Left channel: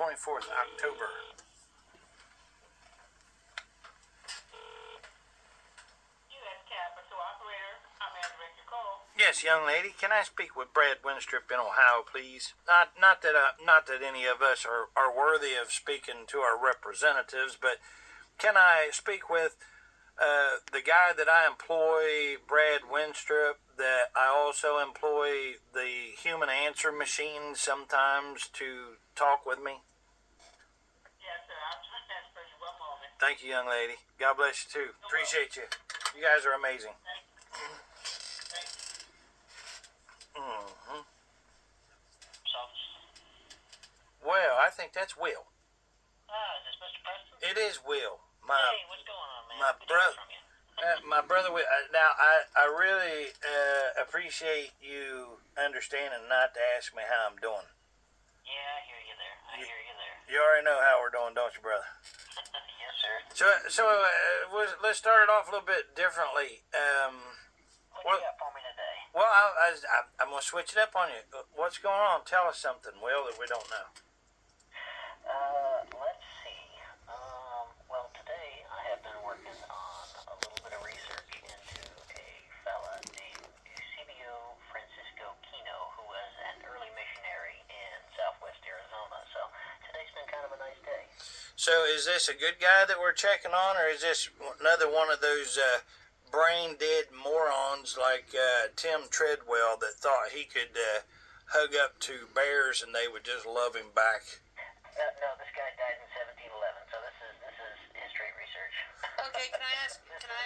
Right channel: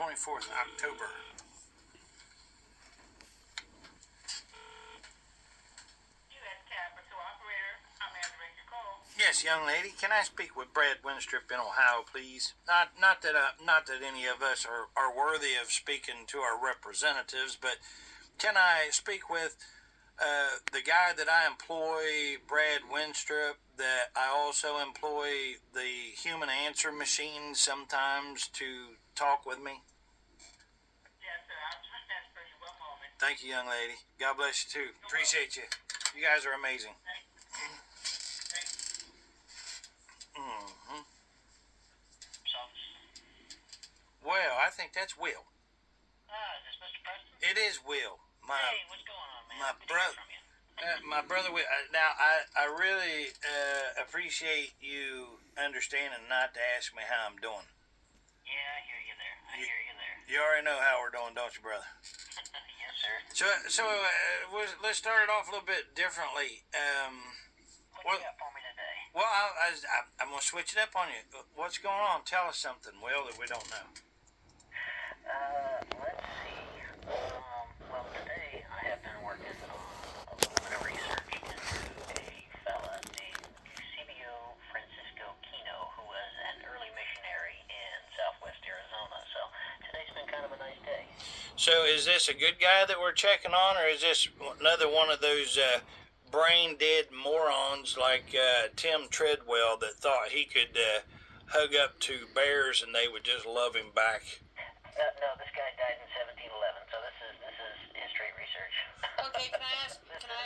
24th October. Yes, young lady. Can I speak with Brad Wenstrup in Ohio, please? Not that any of us are worthy of speaking to our representatives, but can I speak with the guy that I employ, Brad Wenstrup, that I also employ the human answer machine sometimes to talk with me? Yes, sir. I'll transfer you. One moment. Thank you, young lady. God bless you, too. Appreciate you. You guys are amazing. Mm-hmm. Well, I think that's Will. Is this Mr. Preston? It is Will. Hey, what's going on, man? My Good to hear brother. from you. My brother Will. Now, I really appreciate you understanding not to ask me how I'm doing. Yeah, I hear you there. You already know how we're doing, don't you, brother? Yes, sir. So let's start it off a little bit differently. What you got for me today? Well, I'm going to switch it up on you. What's going on? Tell us something, Will, that we don't know. Let's see. Well, today I have been working on a little bit of research into a fella named Eusebio Francisco Kino, who was an early missionary in southwest Arizona. So today's been kind of a nice day. So is this a good guy that we're checking on, or is this another one of those brain-dead morons like Tim Treadwell that thought he could hug up to bears and they would just love him back? No, this guy died in 1711, so this is history research. Okay, can I ask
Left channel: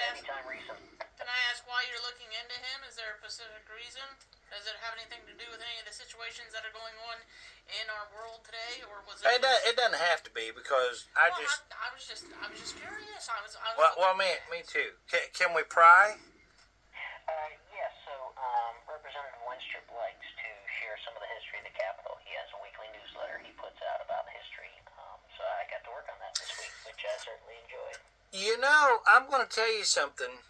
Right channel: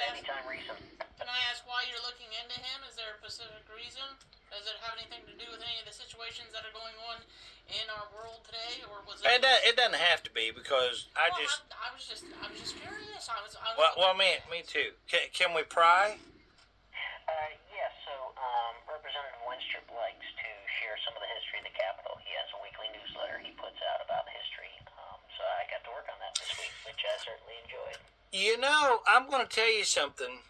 Anytime recent. Can I ask why you're looking into him? Is there a specific reason? Does it have anything to do with any of the situations that are going on in our world today, or was it? It doesn't have to be, because I was just curious. Well, me too. Can we pry? Yes, so Representative Wenstrup likes to share some of the history of the Capitol. He has a weekly newsletter he puts out about history. So I got to work on that this week, which I certainly enjoyed. You know, I'm going to tell you something.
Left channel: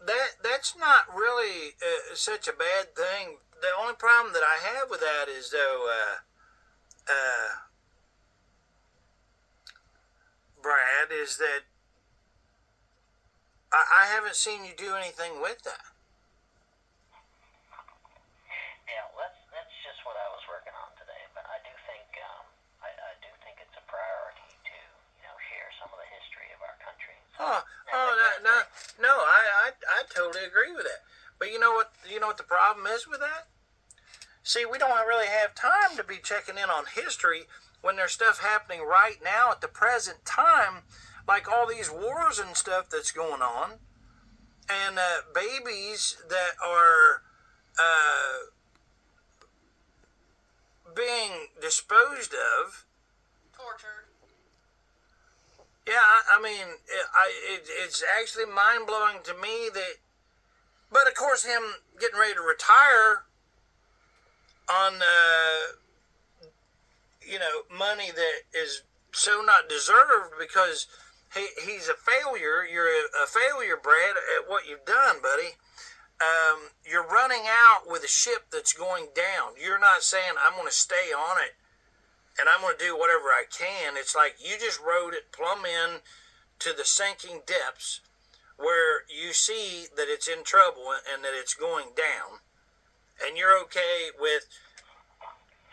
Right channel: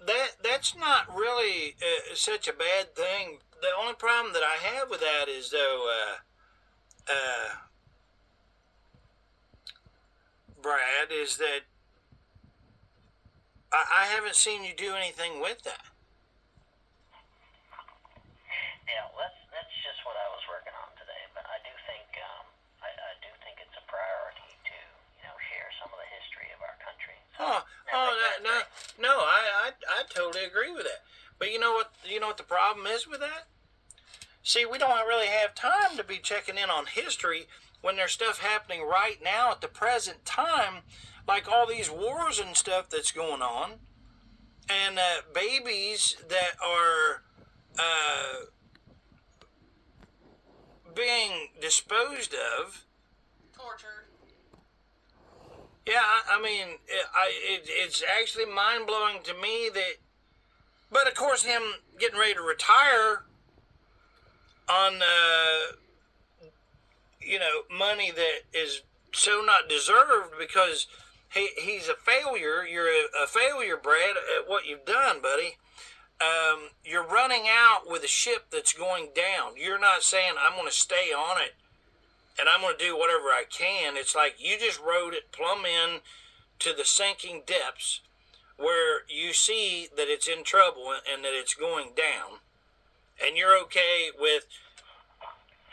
That's not really such a bad thing. The only problem that I have with that is, though, Brad, is that I haven't seen you do anything with that. Yeah, that's just what I was working on today. But I do think I do think it's a priority to share some of the history of our country. No, I totally agree with that. But you know what the problem is with that? See, we don't really have time to be checking in on history when there's stuff happening right now at the present time, like all these wars and stuff that's going on, and babies that are being disposed of. Tortured. Yeah, I mean, it's actually mind-blowing to me that, but of course him getting ready to retire on, money that is so not deserved because he's a failure. You're a failure, Brad, at what you've done, buddy. You're running out with a ship that's going down. You're not saying, I'm going to stay on it and I'm going to do whatever I can. It's like you just rode it plumb in to the sinking depths where you see that it's in trouble and that it's going down. And you're okay with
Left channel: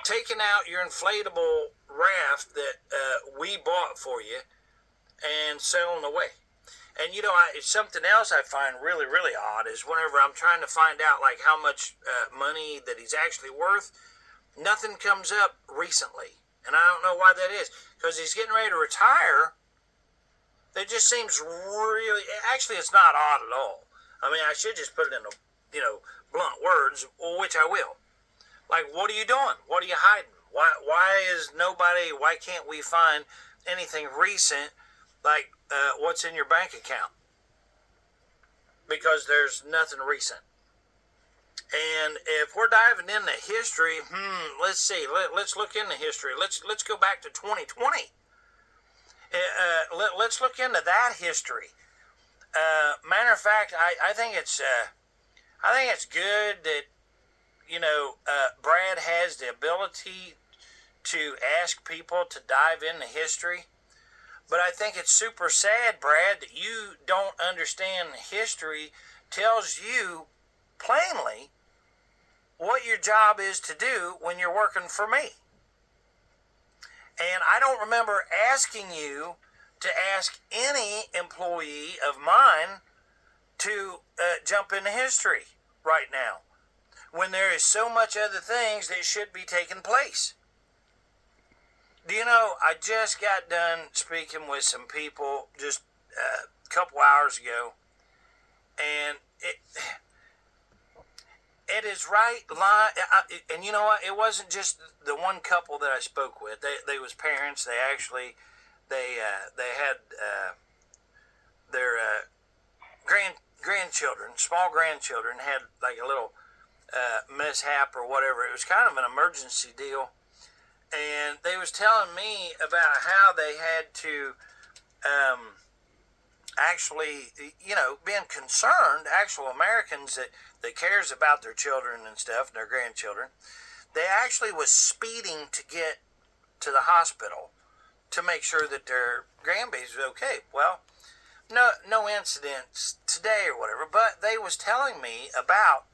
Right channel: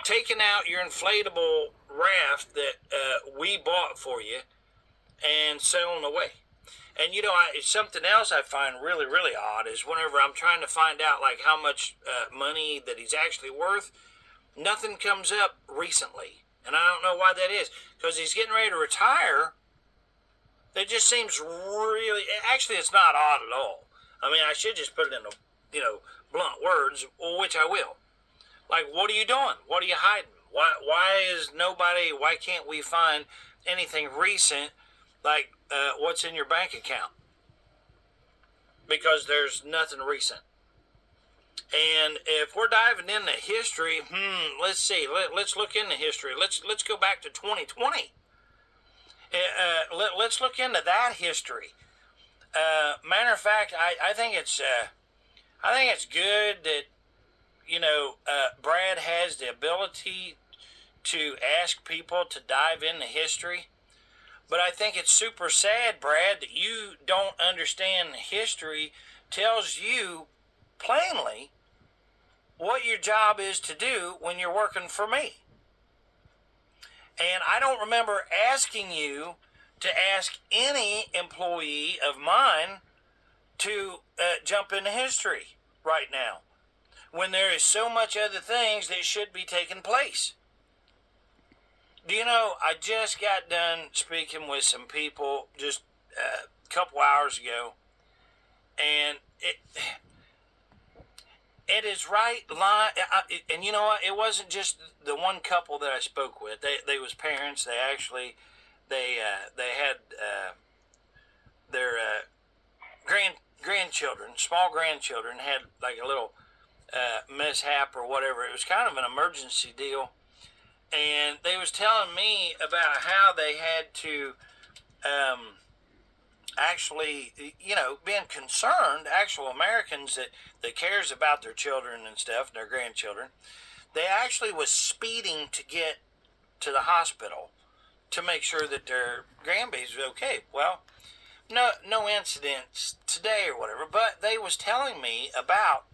taking out your inflatable raft that we bought for you and sailing away. And something else I find really, really odd is whenever I'm trying to find out like how much money that he's actually worth, nothing comes up recently. And I don't know why that is. Because he's getting ready to retire. That just seems really... Actually, it's not odd at all. I mean, I should just put it in blunt words, which I will. Like, what are you doing? What are you hiding? Why can't we find anything recent like what's in your bank account? Because there's nothing recent. And if we're diving into history, let's see. Let's look into history. Let's go back to 2020. Let's look into that history. Matter of fact, I think it's good that Brad has the ability to ask people to dive into history. But I think it's super sad, Brad, that you don't understand history tells you plainly what your job is to do when you're working for me. And I don't remember asking you to ask any employee of mine to jump into history right now, when there is so much other things that should be taking place. Do you know, I just got done speaking with some people just a couple hours ago, and it is right line. And you know what? It wasn't just the one couple that I spoke with. They was parents. They actually they had their grandchildren, small grandchildren, had like a little mishap or whatever. It was kind of an emergency deal, and they was telling me about how they had to actually, being concerned, actual Americans that cares about their children and stuff, and their grandchildren, they actually was speeding to get to the hospital to make sure that their grandbabies was okay. Well, no incidents today or whatever, but they was telling me about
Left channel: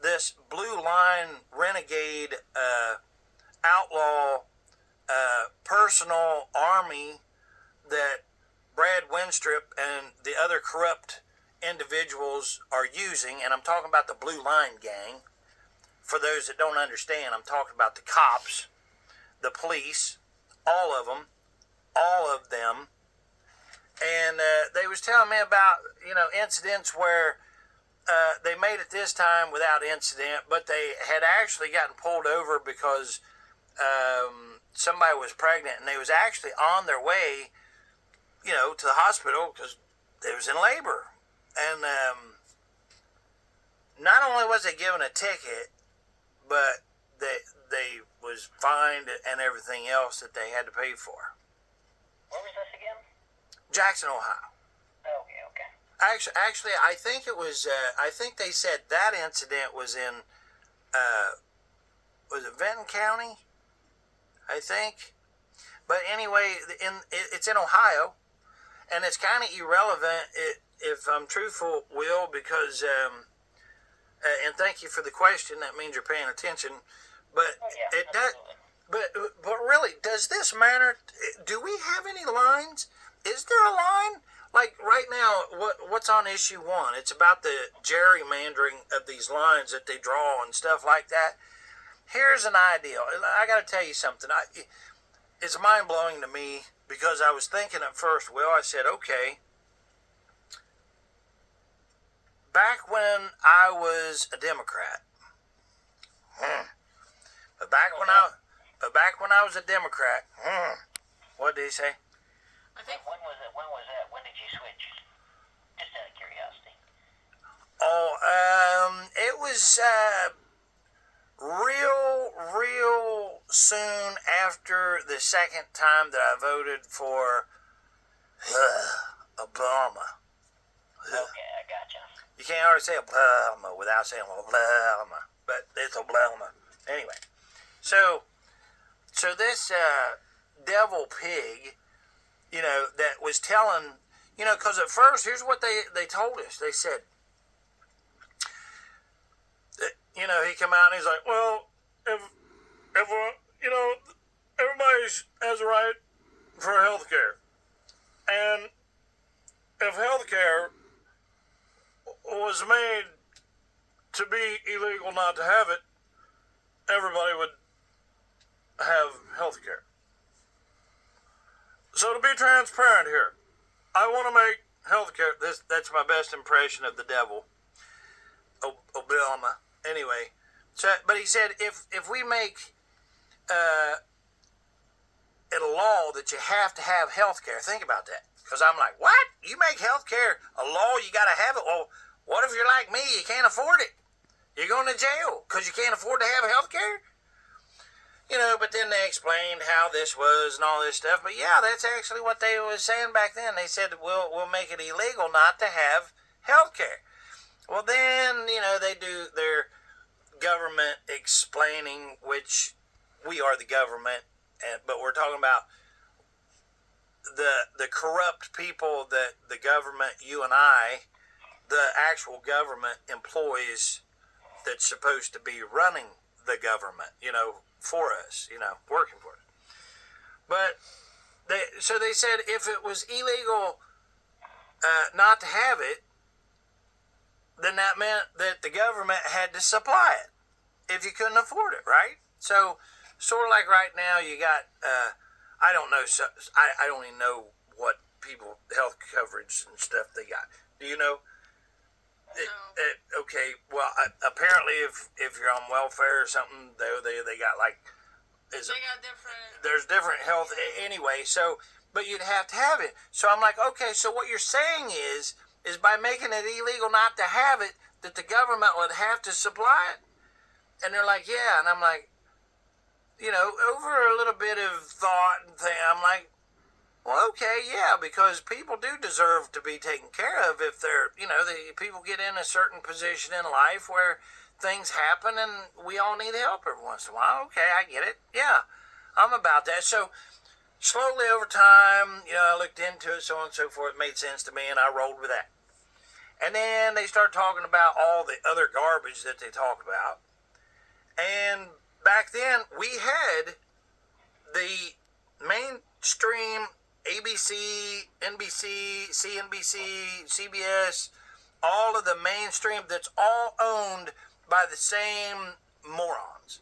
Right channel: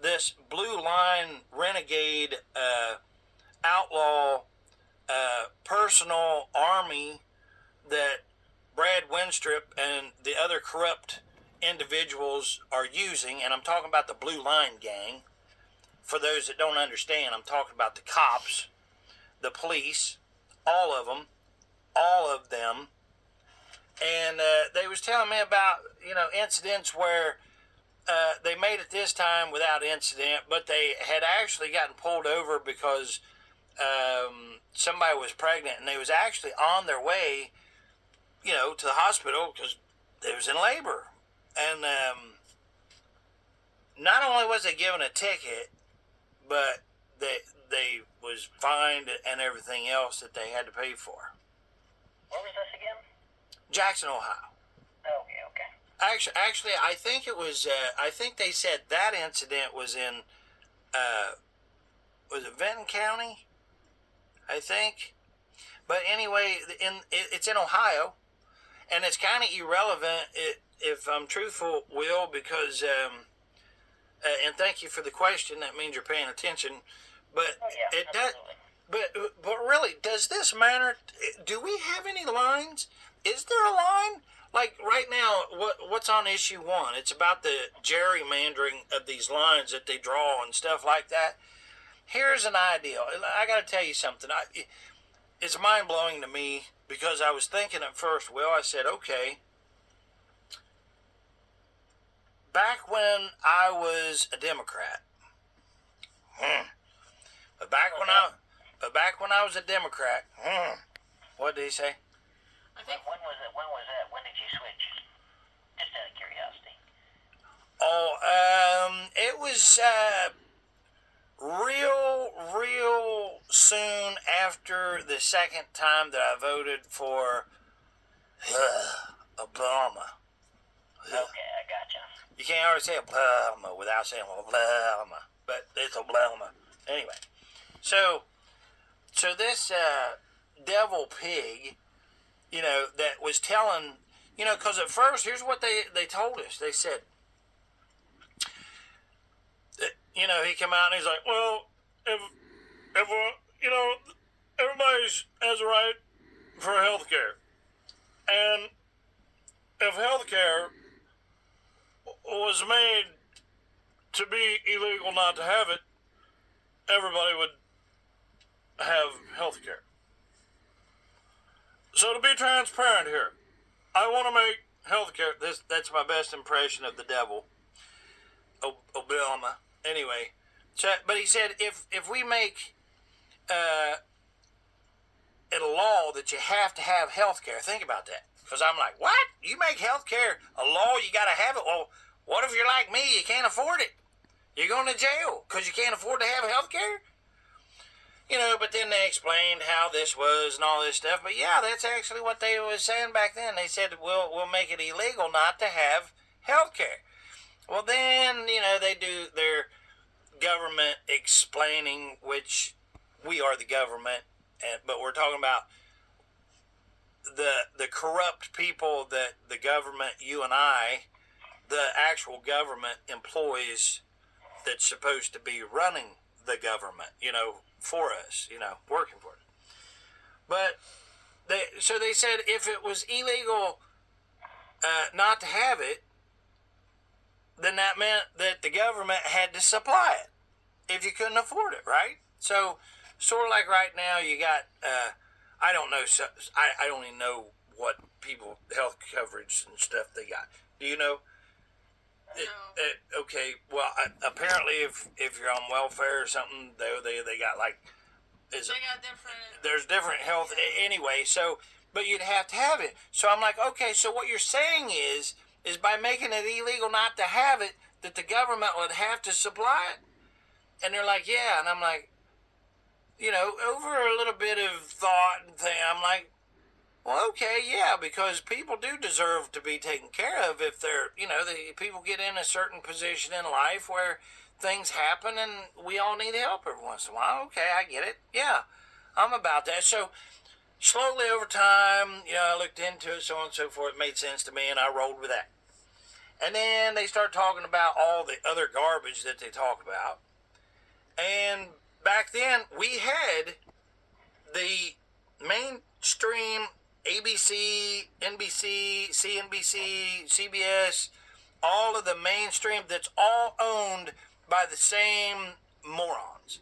this blue line renegade outlaw personal army that Brad Wenstrup and the other corrupt individuals are using, and I'm talking about the Blue Line Gang. For those that don't understand, I'm talking about the cops, the police, all of them. And they was telling me about, incidents where they made it this time without incident, but they had actually gotten pulled over because somebody was pregnant, and they was actually on their way, to the hospital because they was in labor. And not only was they given a ticket, but they was fined and everything else that they had to pay for. Where was this again? Jackson, Ohio. Okay. Actually, I think it was. I think they said that incident was in. Was it Benton County? I think. But anyway, it's in Ohio, and it's kind of irrelevant if I'm truthful, Will, because. And thank you for the question. That means you're paying attention. But it does. But really, does this matter? Do we have any lines? Is there a line? Like right now, what's on issue 1? It's about the gerrymandering of these lines that they draw and stuff like that. Here's an idea. I got to tell you something. It's mind blowing to me because I was thinking at first. Well, I said, okay. Back when I was a Democrat, but back when I was a Democrat, what did he say? I think when was it? When was that? When did you switch? Just out of curiosity. Oh, it was real soon after the second time that I voted for Obama. Okay, I gotcha. You can't always say Obama without saying Obama, but it's Obama. Anyway, so this devil pig, that was telling, because at first, here's what they told us. They said, that, he come out and he's like, well, if everybody has a right for health care, and if health care was made to be illegal not to have it, everybody would have health care. So to be transparent here, I want to make health care, that's my best impression of the devil, Obama. Anyway, but he said if we make it a law that you have to have health care, think about that. Because I'm like, what? You make health care a law, you got to have it? Well, what if you're like me, you can't afford it? You're going to jail because you can't afford to have health care? But then they explained how this was and all this stuff. But yeah, that's actually what they was saying back then. They said, we'll make it illegal not to have health care. Well, then, they do their government explaining, which we are the government, but we're talking about the corrupt people that the government, you and I, the actual government employs that's supposed to be running the government, for us, working for us. But they said if it was illegal not to have it, then that meant that the government had to supply it if you couldn't afford it, right? So sort of like right now you got, I don't know, I don't even know what people health coverage and stuff they got. Do you know? No. Okay, well, apparently if you're on welfare or something, they got like, They got different. there's different health anyway. So, but you'd have to have it. So I'm like, okay, so what you're saying is by making it illegal not to have it, that the government would have to supply it. And they're like, yeah, and I'm like, over a little bit of thought and thing, I'm like, well, okay, yeah, because people do deserve to be taken care of if they're, people get in a certain position in life where things happen and we all need help every once in a while. Okay, I get it. Yeah, I'm about that. So slowly over time, I looked into it, so on and so forth. It made sense to me, and I rolled with that. And then they start talking about all the other garbage that they talk about. And back then, we had the mainstream ABC, NBC, CNBC, CBS, all of the mainstream that's all owned by the same morons.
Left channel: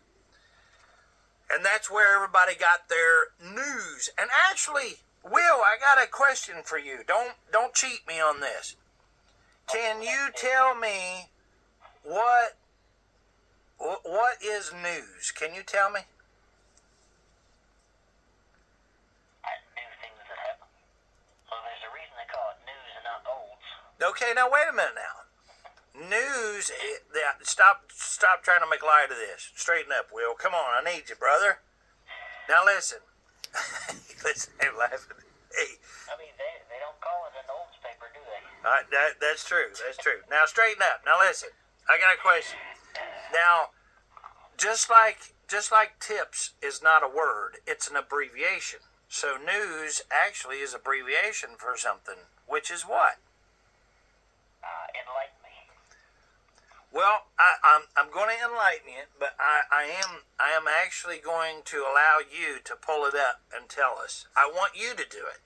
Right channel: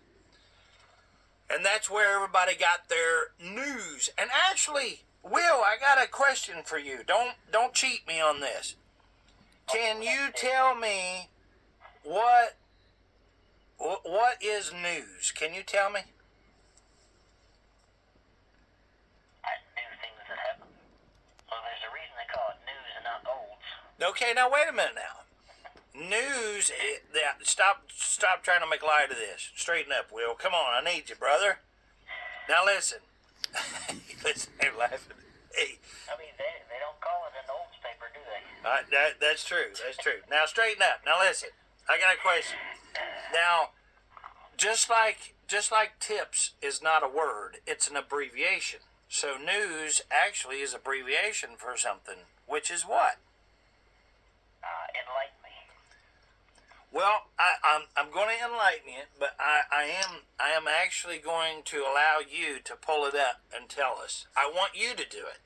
And that's where everybody got their news. And actually, Will, I got a question for you. Don't cheat me on this. Can you tell me what is news? Can you tell me? New things that happen. So there's a reason they call it news and not olds. Okay, now wait a minute now. News, stop trying to make light of this. Straighten up, Will. Come on, I need you, brother. Now listen. Listen, I'm laughing. Hey. I mean, they don't call it an olds paper, do they? That's true. That's true. Now straighten up. Now listen. I got a question. Now, just like tips is not a word, it's an abbreviation. So news actually is abbreviation for something, which is what? Enlighten me. Well, I'm going to enlighten you, but I am actually going to allow you to pull it up and tell us. I want you to do it.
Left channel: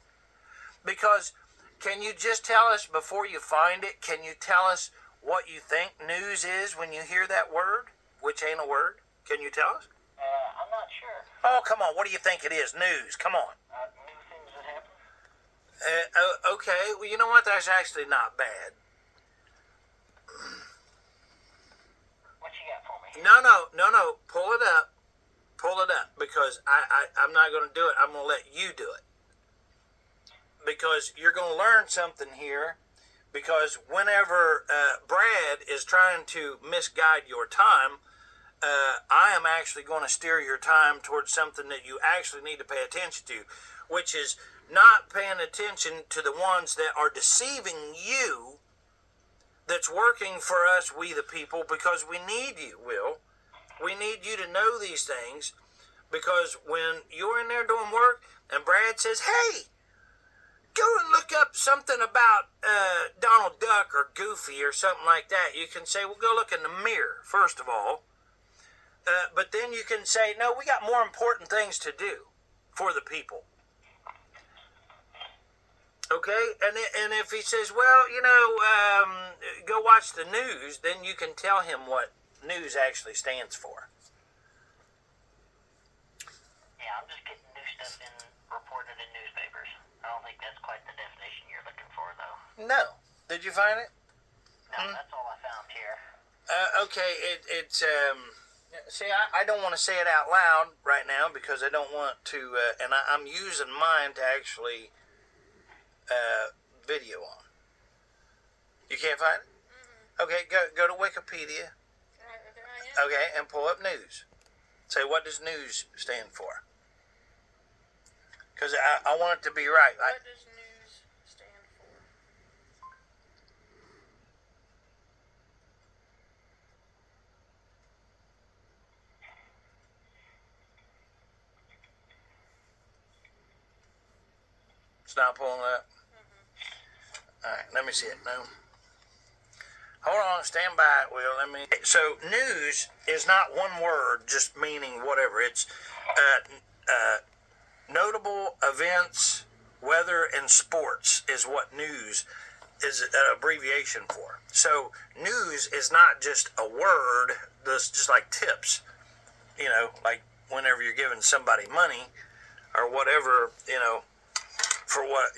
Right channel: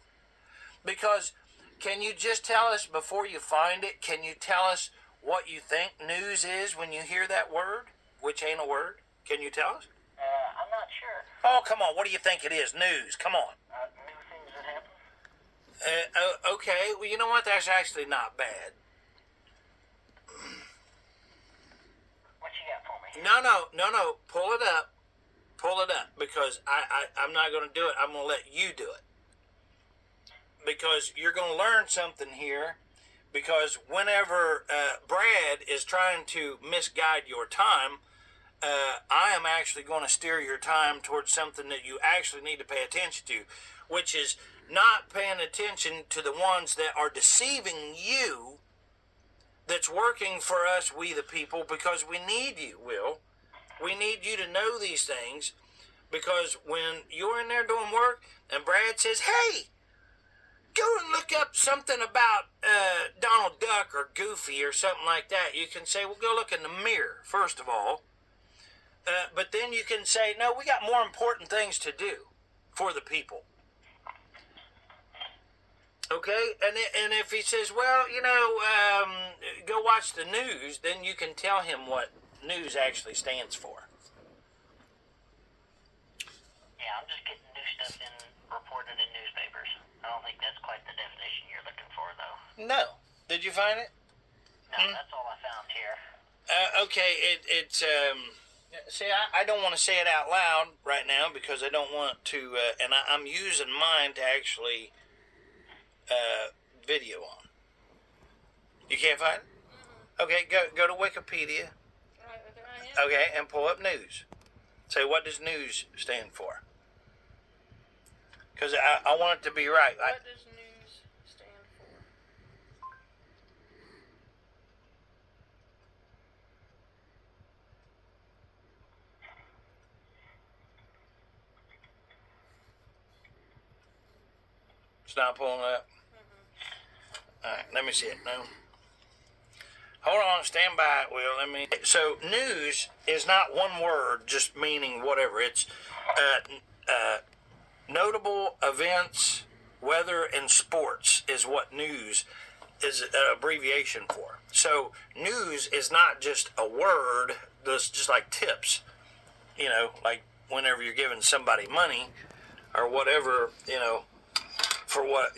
Because can you just tell us before you find it, can you tell us what you think news is when you hear that word, which ain't a word? Can you tell us? I'm not sure. Oh, come on. What do you think it is? News. Come on. New things that happen? Okay. Well, you know what? That's actually not bad. What you got for me? No. Pull it up. Pull it up. Because I'm not going to do it. I'm going to let you do it. Because you're going to learn something here. Because whenever Brad is trying to misguide your time, I am actually going to steer your time towards something that you actually need to pay attention to, which is not paying attention to the ones that are deceiving you, that's working for us, we the people, because we need you, Will. We need you to know these things, because when you're in there doing work and Brad says, hey, go and look up something about Donald Duck or Goofy or something like that, you can say, well, go look in the mirror, first of all. But then you can say, no, we got more important things to do for the people. Okay? And if he says, well, go watch the news, then you can tell him what news actually stands for. Yeah, I'm just getting new stuff reported in newspapers. I don't think that's quite the definition you're looking for, though. No. Did you find it? No, that's all I found here. Okay, it's see, I don't want to say it out loud right now because I don't want to, and I'm using mine to actually video on. You can't find it? Mm-hmm. Okay, go to Wikipedia. Okay, and pull up news. Say, what does news stand for? Because I want it to be right. What does news stand for? It's not pulling up. All right, let me see it. No. Hold on, stand by, Will. So news is not one word, just meaning whatever. It's notable events, weather, and sports is what news is an abbreviation for. So news is not just a word that's just like tips, like whenever you're giving somebody money or whatever, for what,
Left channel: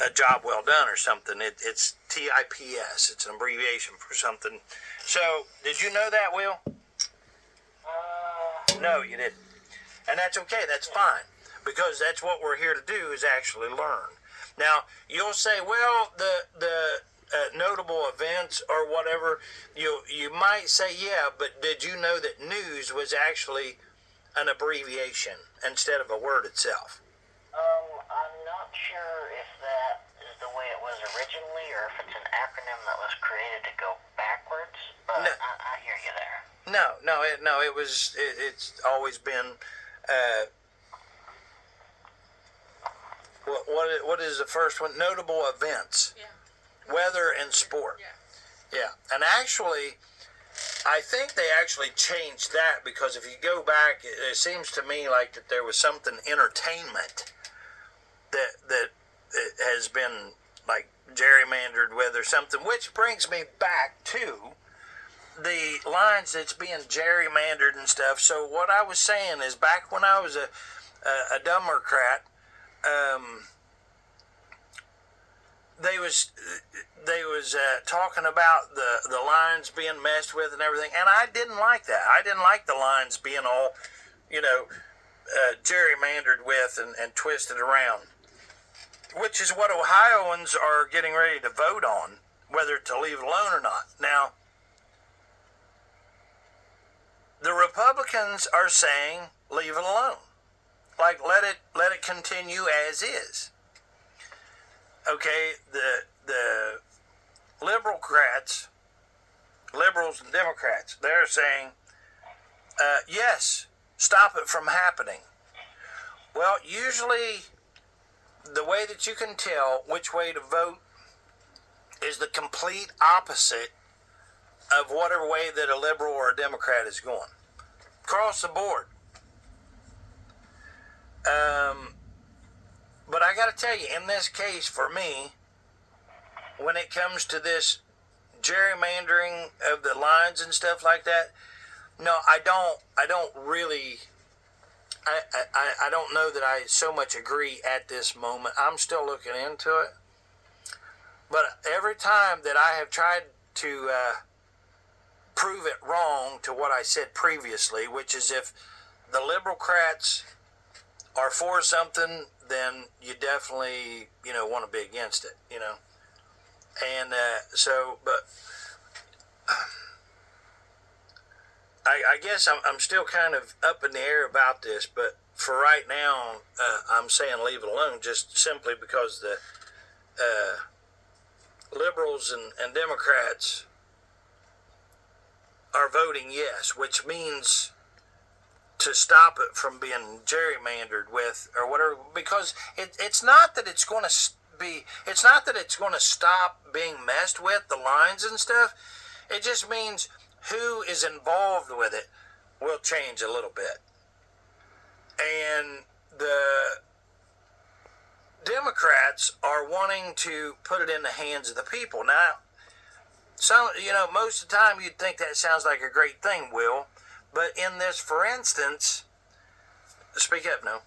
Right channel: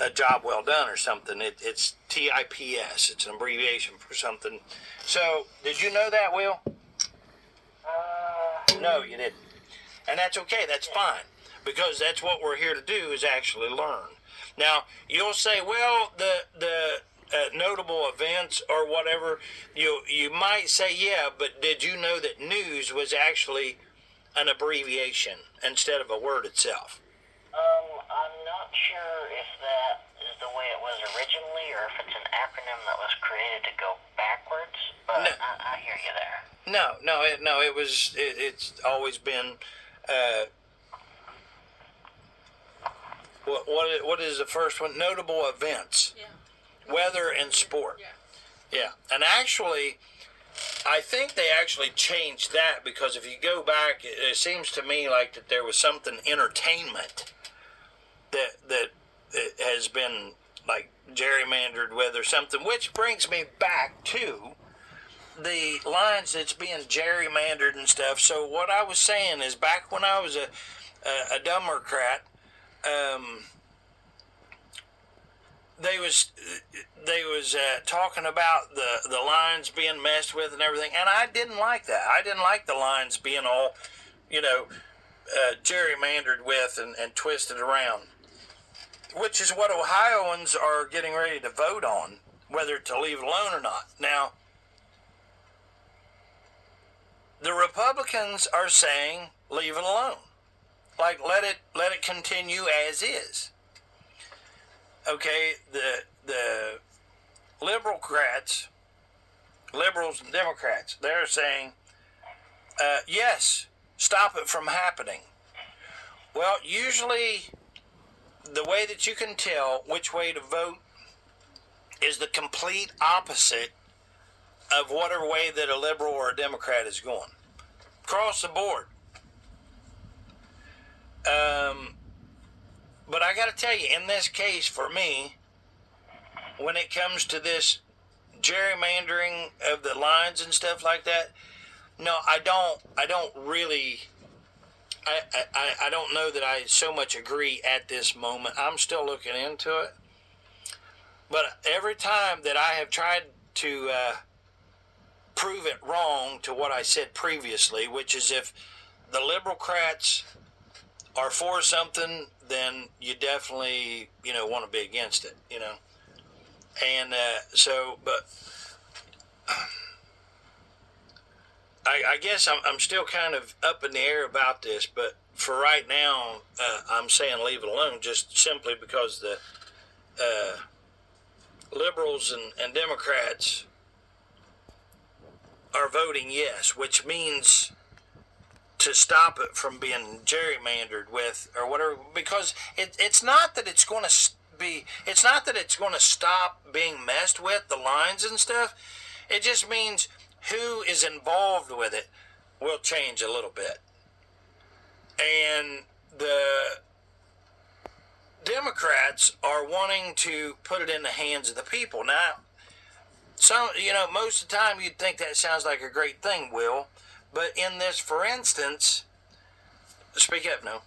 a job well done or something. It's TIPS. It's an abbreviation for something. So did you know that, Will? No, you didn't. And that's okay. That's fine. Because that's what we're here to do, is actually learn. Now, you'll say, well, the notable events or whatever, you might say, yeah, but did you know that news was actually an abbreviation instead of a word itself? I'm not sure if that is the way it was originally or if it's an acronym that was created to go backwards, but no. I hear you there. It's always been, what is the first one? Notable events. Yeah. Weather and sport. Yeah. And actually, I think they actually changed that, because if you go back, it seems to me like that there was something entertainment that it has been like gerrymandered with or something, which brings me back to the lines that's being gerrymandered and stuff. So what I was saying is, back when I was a Democrat, they was talking about the lines being messed with and everything, and I didn't like that. I didn't like the lines being all, gerrymandered with and twisted around, which is what Ohioans are getting ready to vote on, whether to leave it alone or not. Now, the Republicans are saying leave it alone, like let it continue as is. Okay, the liberals and Democrats, they're saying, yes, stop it from happening. Well, usually the way that you can tell which way to vote is the complete opposite of whatever way that a liberal or a Democrat is going. Across the board. But I got to tell you, in this case, for me, when it comes to this gerrymandering of the lines and stuff like that, no, I don't really, I don't know that I so much agree at this moment. I'm still looking into it. But every time that I have tried to prove it wrong to what I said previously, which is if the liberalcrats are for something, then you definitely, want to be against it, And but I guess I'm still kind of up in the air about this, but for right now, I'm saying leave it alone, just simply because the liberals and Democrats are voting yes, which means to stop it from being gerrymandered with or whatever, because it's not that it's going to stop being messed with, the lines and stuff. It just means who is involved with it will change a little bit. And the Democrats are wanting to put it in the hands of the people. Now, most of the time you'd think that sounds like a great thing, Will. But in this, for instance, speak up, no.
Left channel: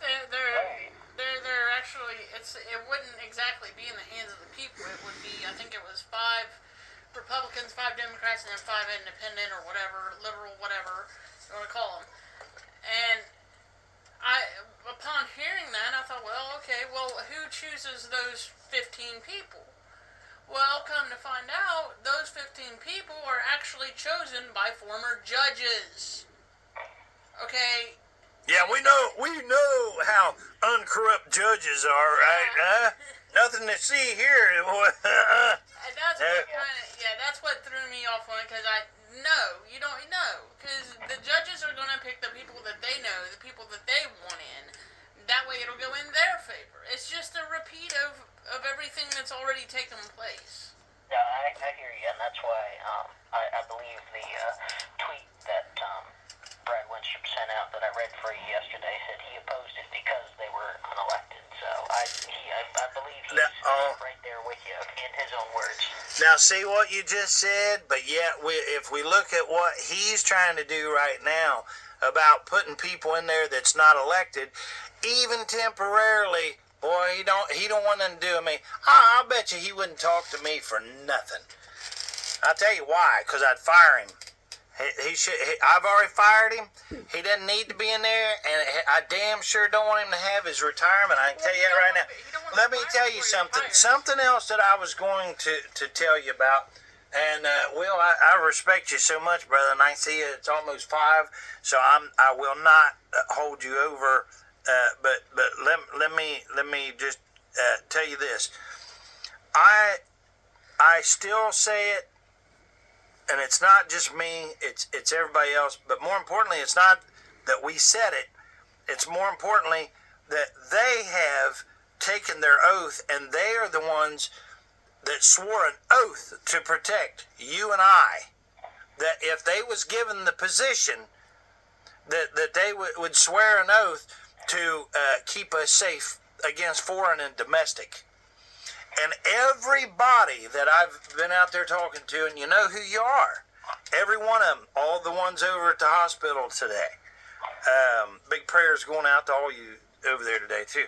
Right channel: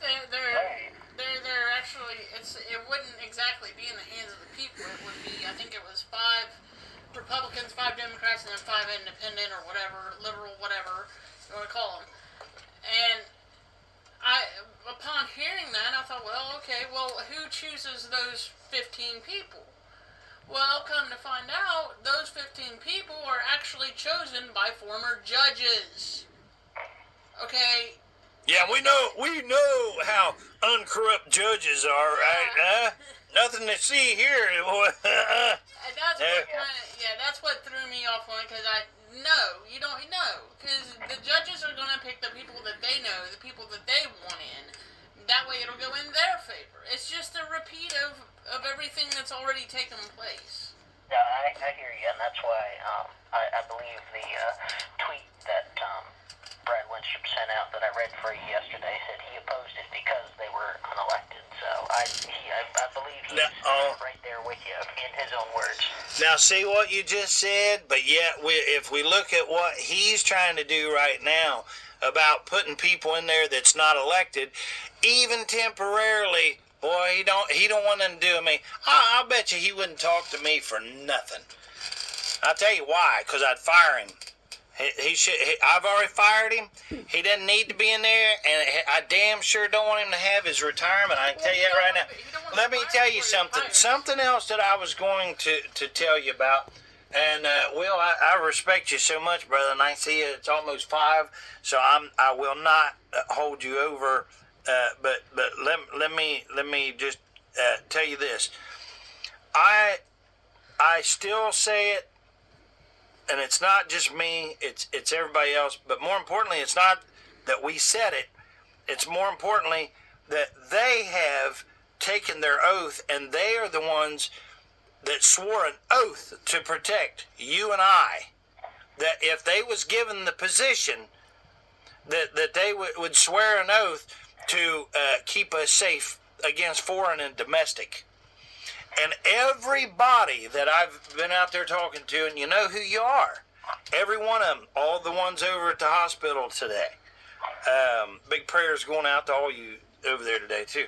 They're actually, it wouldn't exactly be in the hands of the people. It would be, I think it was 5 Republicans, 5 Democrats, and then 5 independent or whatever, liberal, whatever you want to call them. And upon hearing that, I thought, well, okay, who chooses those 15 people? Well, come to find out, those 15 people are actually chosen by former judges. Okay. Yeah, we know how uncorrupt judges are, right? Nothing to see here. That's what threw me off on it, because you don't know, because the judges are going to pick the people that they know, the people that they want in, That way it'll go in their favor. It's just a repeat of everything that's already taken place. Yeah, I hear you, and that's why I believe the tweet that Brad Wenstrup sent out that I read for you yesterday said he opposed it because they were unelected. So I believe he's right there with you in his own words. Now, see what you just said, but yet if we look at what he's trying to do right now about putting people in there that's not elected, even temporarily, boy, he don't want nothing to do with me. I'll bet you he wouldn't talk to me for nothing. I'll tell you why, because I'd fire him. I've already fired him. He doesn't need to be in there, and I damn sure don't want him to have his retirement. I can tell you that right now. Let me tell you something. Something else that I was going to tell you about. And Will, I respect you so much, brother. And I see it's almost 5, so I will not hold you over. But let me just tell you this. I still say it. And it's not just me, it's everybody else. But more importantly, it's not that we said it. It's more importantly that they have taken their oath, and they are the ones that swore an oath to protect you and I. That if they was given the position, that they would swear an oath to keep us safe against foreign and domestic. And everybody that I've been out there talking to, and you know who you are, every one of them, all the ones over at the hospital today. Big prayers going out to all you over there today, too.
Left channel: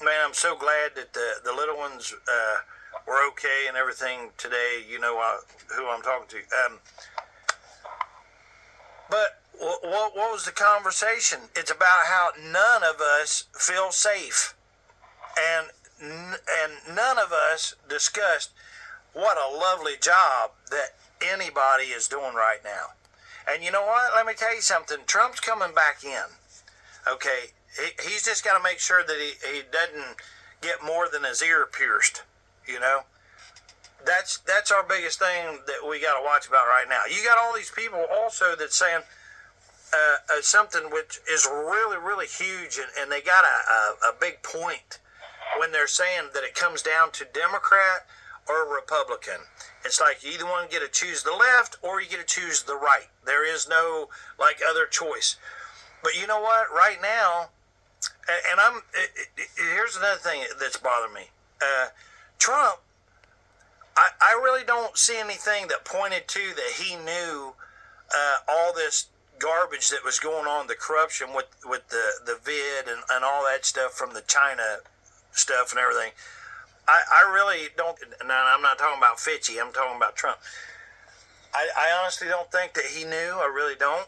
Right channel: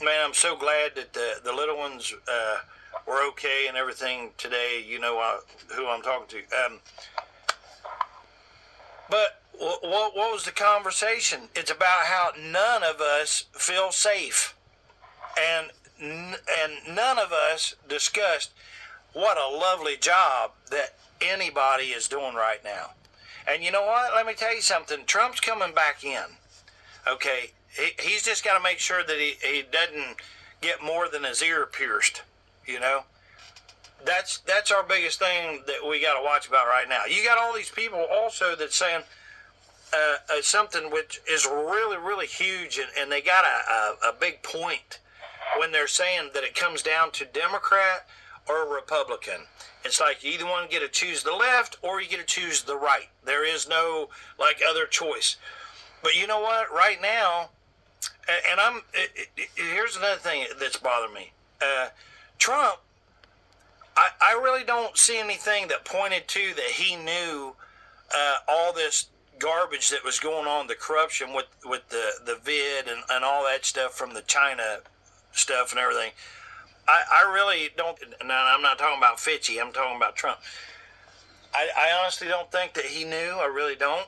Man, I'm so glad that the little ones were okay and everything today. You know who I'm talking to. But what was the conversation? It's about how none of us feel safe. And none of us discussed what a lovely job that anybody is doing right now. And you know what? Let me tell you something. Trump's coming back in. Okay, he's just got to make sure that he doesn't get more than his ear pierced. You know, that's our biggest thing that we got to watch about right now. You got all these people also that's saying something which is really, really huge, and they got a big point when they're saying that it comes down to Democrat or Republican. It's like you either want to get to choose the left or you get to choose the right. There is no other choice. But you know what? Right now, and here's another thing that's bothering me. Trump, I really don't see anything that pointed to that he knew all this garbage that was going on, the corruption with the vid and all that stuff from the China stuff and everything. I really don't. Now, I'm not talking about Fitchy. I'm talking about Trump. I honestly don't think that he knew. I really don't.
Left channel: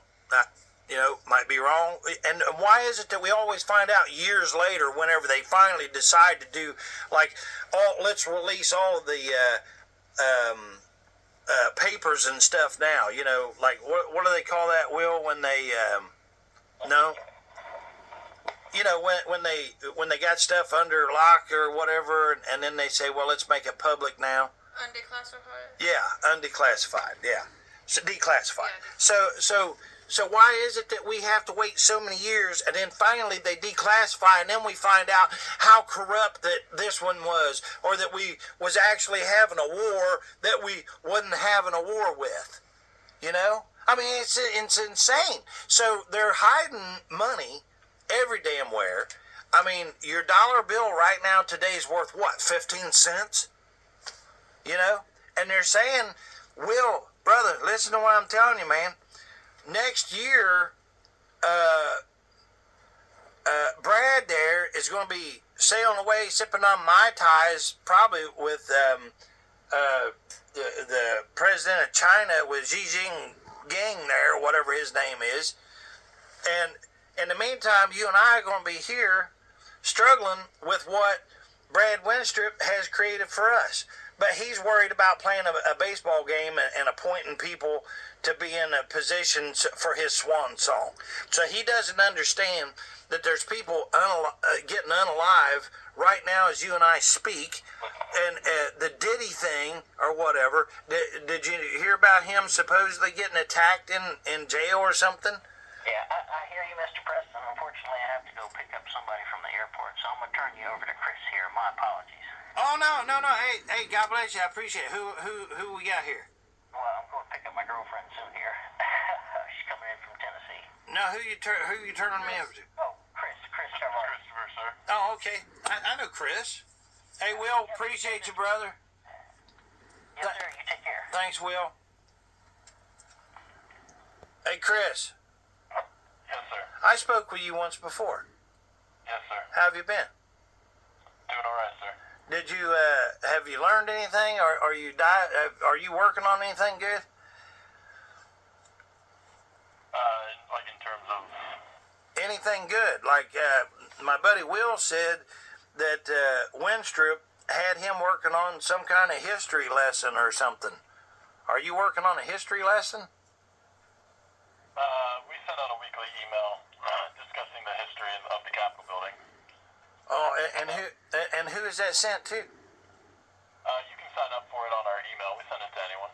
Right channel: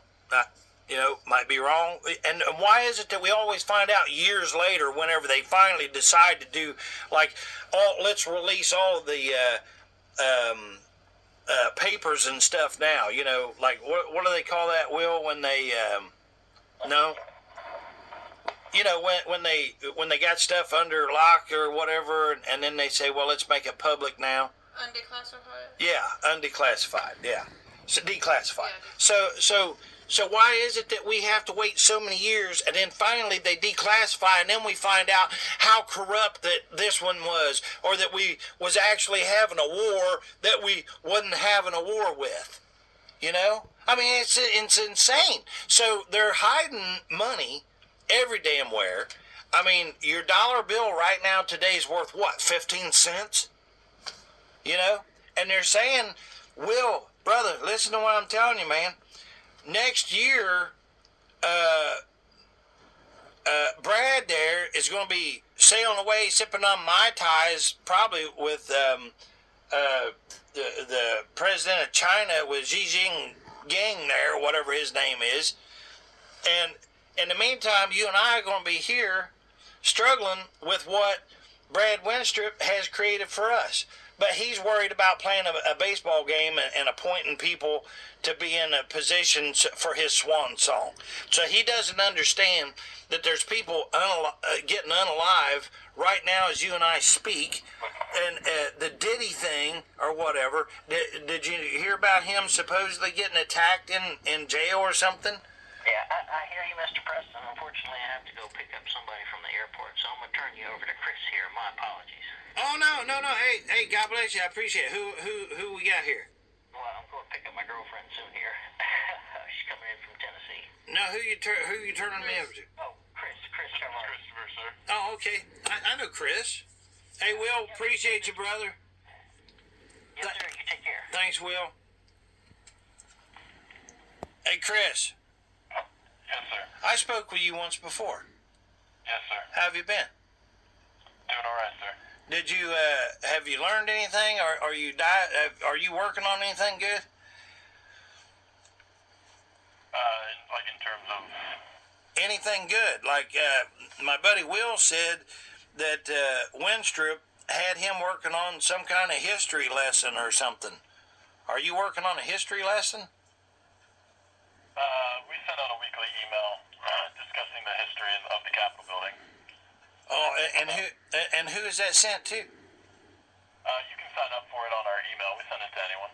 Might be wrong. And why is it that we always find out years later, whenever they finally decide to do, let's release all of the papers and stuff now? What do they call that, Will? When they no. When they got stuff under lock or whatever, and then they say, well, let's make it public now. Undeclassified? Yeah, undeclassified, yeah. So declassified. Yeah. So why is it that we have to wait so many years, and then finally they declassify, and then we find out how corrupt that this one was, or that we was actually having a war that we wasn't having a war with? I mean, it's insane. So they're hiding money every damn where. I mean, your dollar bill right now today is worth what, 15 cents? And they're saying, Will, brother, listen to what I'm telling you, man. Next year, Brad there is going to be sailing away, sipping on Mai Tais, probably with the president of China, with Xi Jinping there, whatever his name is. And in the meantime, you and I are going to be here struggling with what Brad Wenstrup has created for us. But he's worried about playing a baseball game and appointing people to be in a position for his swan song. So he doesn't understand that there's people getting unalive right now as you and I speak. And the Diddy thing or whatever, did you hear about him supposedly getting attacked in jail or something? Yeah, I hear you, Mr. Preston. Unfortunately, I have to go pick up somebody from the airport, so I'm going to turn you over to Chris here. My apologies. Oh, no. Hey, God bless you. I appreciate it. Who we got here? Well, I'm going to pick up my girlfriend soon here. She's coming in from Tennessee. No, who you turning me over to? Oh, Chris Trevor. Christopher, sir. Oh, okay. I know Chris. Hey, Will, appreciate you, brother. Yes, sir. You take care. Thanks, Will. Hey, Chris. Yes, sir. I spoke with you once before. Yes, sir. How have you been? Doing all right, sir. Did you have you learned anything, or are you working on anything good? Like in terms of... Anything good? Like my buddy Will said that Wenstrup had him working on some kind of history lesson or something. Are you working on a history lesson? We sent out a weekly email discussing the history of the Capitol building. Oh, and who is that sent to? You can sign up for it on our email. We send it to anyone.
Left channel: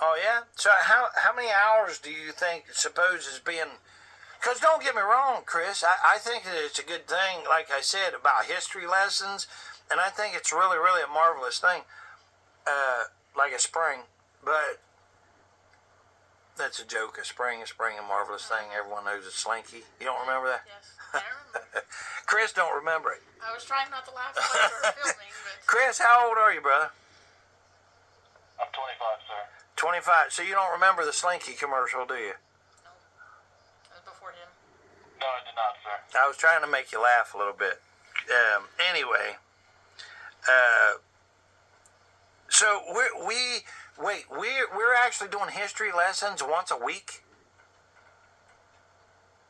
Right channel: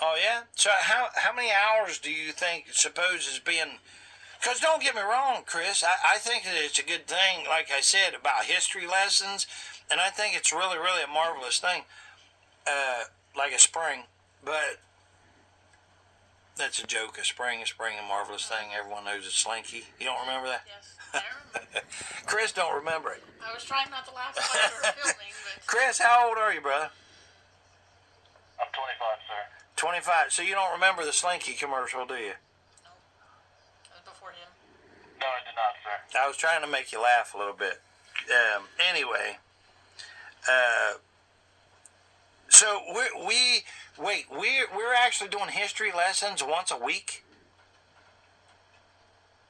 Oh yeah. So how many hours do you think suppose is being? Because don't get me wrong, Chris. I think that it's a good thing, like I said, about history lessons, and I think it's really, really a marvelous thing, like a spring. But that's a joke. A spring, a marvelous thing. Everyone knows it's slinky. You don't remember that? Yes, I remember. Chris don't remember it. I was trying not to laugh while we were filming, but Chris, how old are you, brother? I'm 25, sir. 25. So you don't remember the Slinky commercial, do you? no, that was before him. No, I did not, sir. I was trying to make you laugh a little bit. Anyway, so we're actually doing history lessons once a week.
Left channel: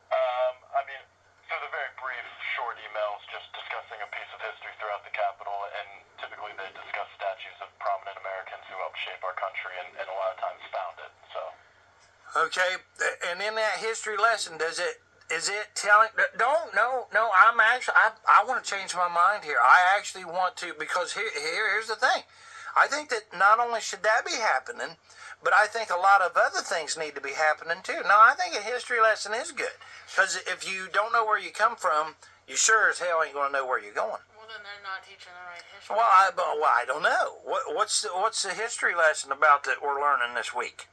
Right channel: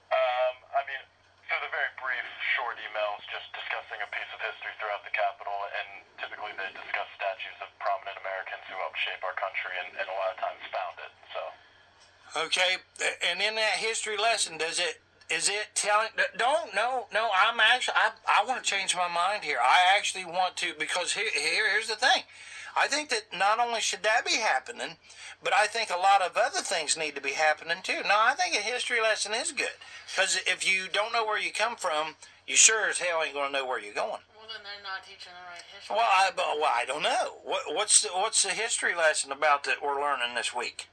I mean, through the very brief, short emails just discussing a piece of history throughout the Capitol, and typically they discuss statues of prominent Americans who helped shape our country and a lot of times found it, so... Okay, and in that history lesson, is it telling? I want to change my mind here. I actually want to, because here's the thing. I think that not only should that be happening, but I think a lot of other things need to be happening too. Now, I think a history lesson is good, because if you don't know where you come from, you sure as hell ain't going to know where you're going. Well, then they're not teaching the right history. Well, I don't know. What's the history lesson about that we're learning this week?